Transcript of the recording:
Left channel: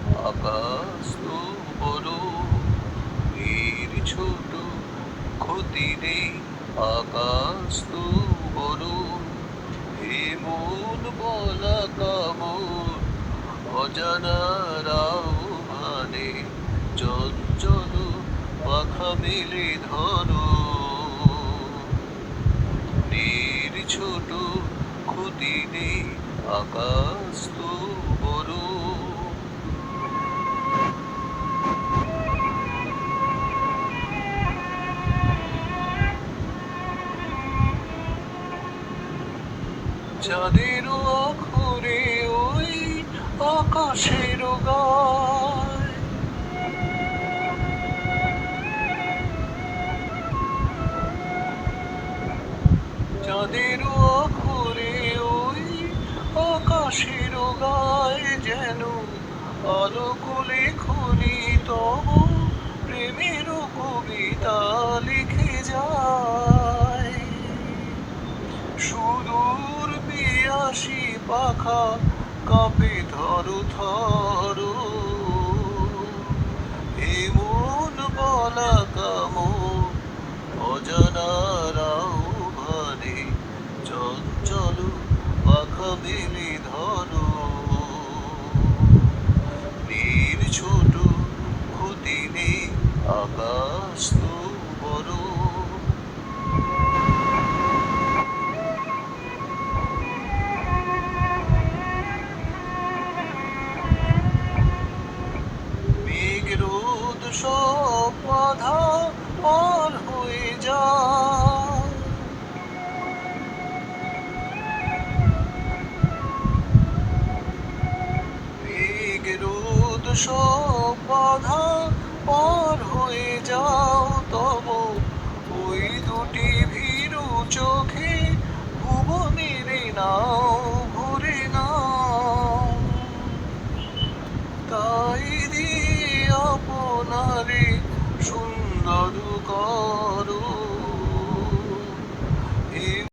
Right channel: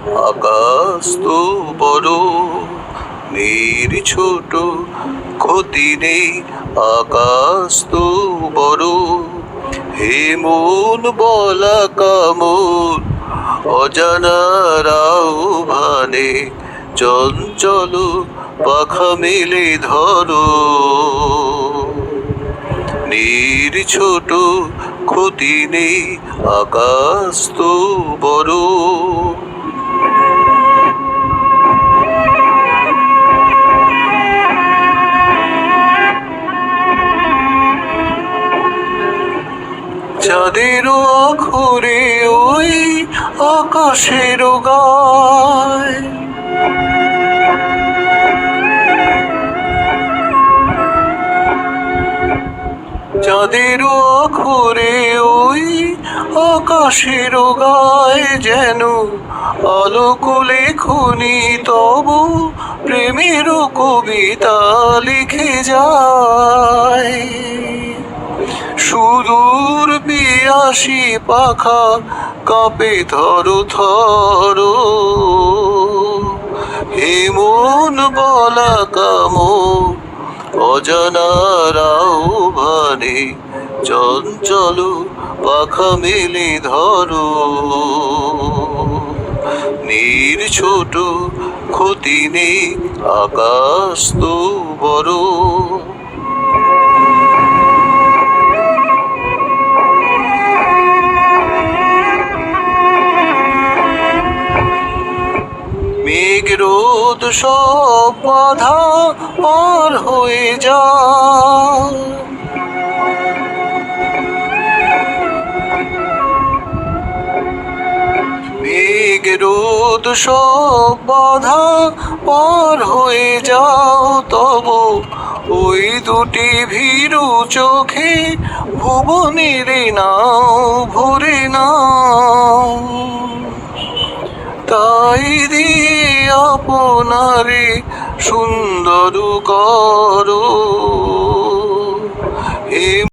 আকাশ তো বড়, মেয়ের ছোট, ক্ষতি নেই। আকাশ তো বড়, হে মন বলা কামন, অজানারাও ভানে চঞ্চল পাখা মেলে ধরো। নীর ছোট, ক্ষতি নেই। আকাশ তো বড়। চাঁদেরও আখরে ওই আকাশেরও গায়, চাঁদেরও আখরে ওই আকাশেরও গায়, যেন আলোক লেখনি তব প্রেমেরও কবিতা লিখে যায়। সুদূর পিয়াসী পাখা কাঁপে থরো থরো, হে মন বলা কামন, অজানারাও ভানে চঞ্চল পাখা মেলে ধরো। নীর ছোট, ক্ষতি নেই। আকাশ তো বড়। মেঘ রোদ সব বাধা পার হয়ে যায়, মেঘ রোদ সব বাধা পার হয়ে যাও, তব ওই দুটি ভীরু চোখে ভুবনের নাও ভরে নাও। তাই দিয়ে আপনারে সুন্দর করো।